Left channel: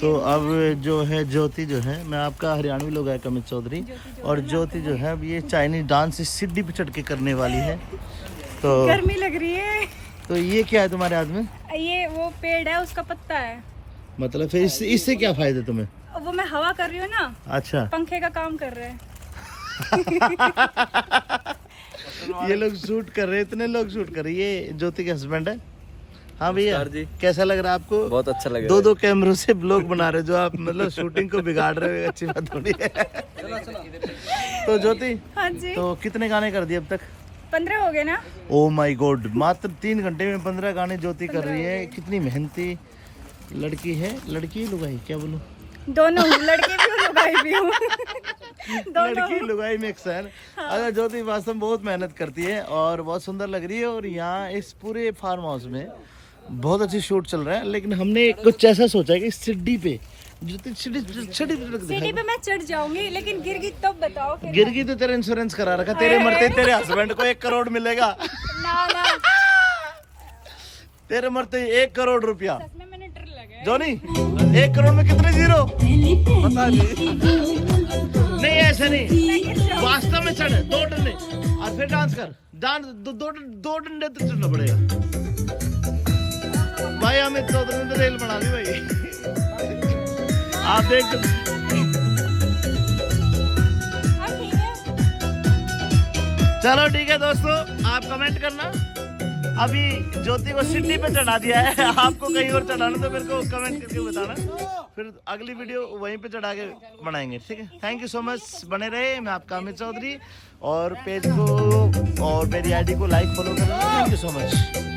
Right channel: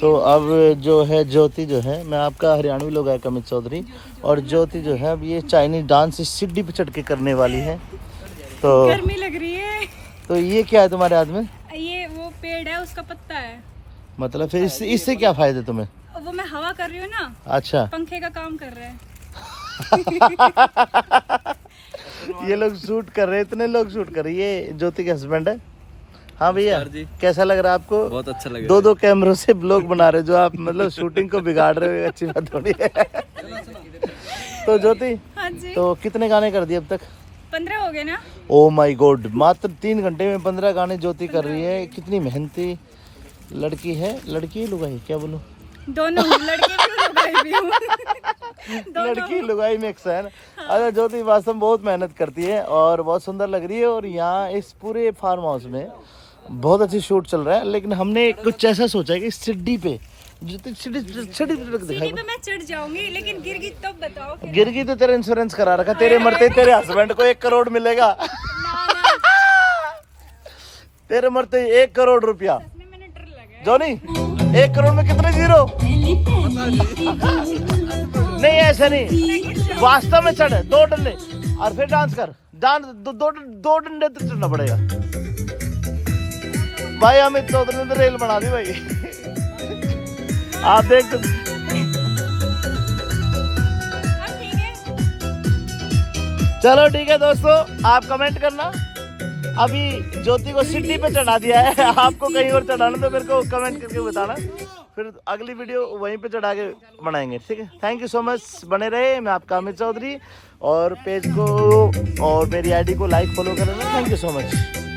तो अब जो है ज्योति जो है, मैं आपका हरियाणवी लोग है कमित चौधरी, और ज्योति जो है अब ये चाइनीज डांस इस सीढ़ी पे चढ़ के करने वाली है। तो गर्मी लग रही है। तो ये क्या है तुम्हारे हाथ में? ये वो पेड़ है, उसका पत्ता है। मतलब फिर इससे क्या फायदे तुम्हें? वो मैं हवा कर रही हूँ ना। अच्छा, पंखे का काम कर रहे हैं। ये लोग शूट कर रहे हैं, इतने लोग शूट कर रहे हैं। ये ज्योति के हस्बैंड है। हाँ भैया जी, कैसा लग रहा है आपको? बहुत अच्छा लग रहा है। दो कैमरों से ब्लॉग बना रहे हो, जो आप मतलब शूटिंग को बिगाड़ रहे हो, अच्छी बात थोड़ी है। तो ज्योति, हाँ जी। तो कितने गाने कर दिए अब तक? 15 हो गए ना। ओ माय गॉड, मात्र 3 घंटे में 15 गाने ज्योति कर रही है। कितनी मेहनती लड़की है। लड़की लुगाई क्या बोलूं? दोनों हूँ, लड़की भी हूँ, लुगाई भी हूँ। दोनों लड़की लुगाई मिक्स है। अरे ज्योति वास्तव में बहुत मेहनत करती है और बहुत सुंदर लग रही है। और यहाँ इस पूरे फार्म हाउस में बहुत अच्छी शूट चल रहा है, लेकिन हमने कुछ ऐसा सोचा है कि सीढ़ी पे सीढ़ी पे मैं चढ़ जाऊंगी, लेकिन गिर गई तब बताओ फिर। गिर गई तो तेरा इंश्योरेंस करा रखा, तेरे मरते तेरे हस्बैंड को 1 करोड़ मिलेगा। ना ना, तेरे मरते 1 करोड़ रुपया। सच में मैंने डर लगा। जॉनी, 1 करोड़ में कितने जीरो? पता नहीं ऐसा नहीं, वास्तव में चढ़ 2 डंडे और फिर डांस कर। डांस 2 डंडे तो चढ़ना पड़ेगा भाई। अमित चौधरी ने तो रेल बना दी भाई। आप देख चलो ठीक है दोस्तों, आप कमेंट करना। अभी ज्योति को सीढ़ी पे चढ़ा दिया है, आपको कहीं और चढ़ाना तो मेरे को कमेंट करके बताना, फिर अगली वीडियो वहीं पे चढ़ा के बनाएंगे, ठीक है। थैंक यू सो मच, बने रहे। मैं आपका अमित चौधरी, और पेज को और मेरी आईडी को लाइक फॉलो करेंगे। Thank you so much.